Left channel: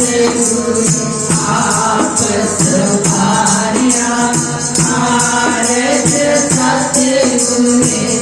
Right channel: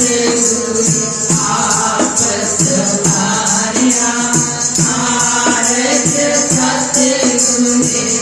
Yeah.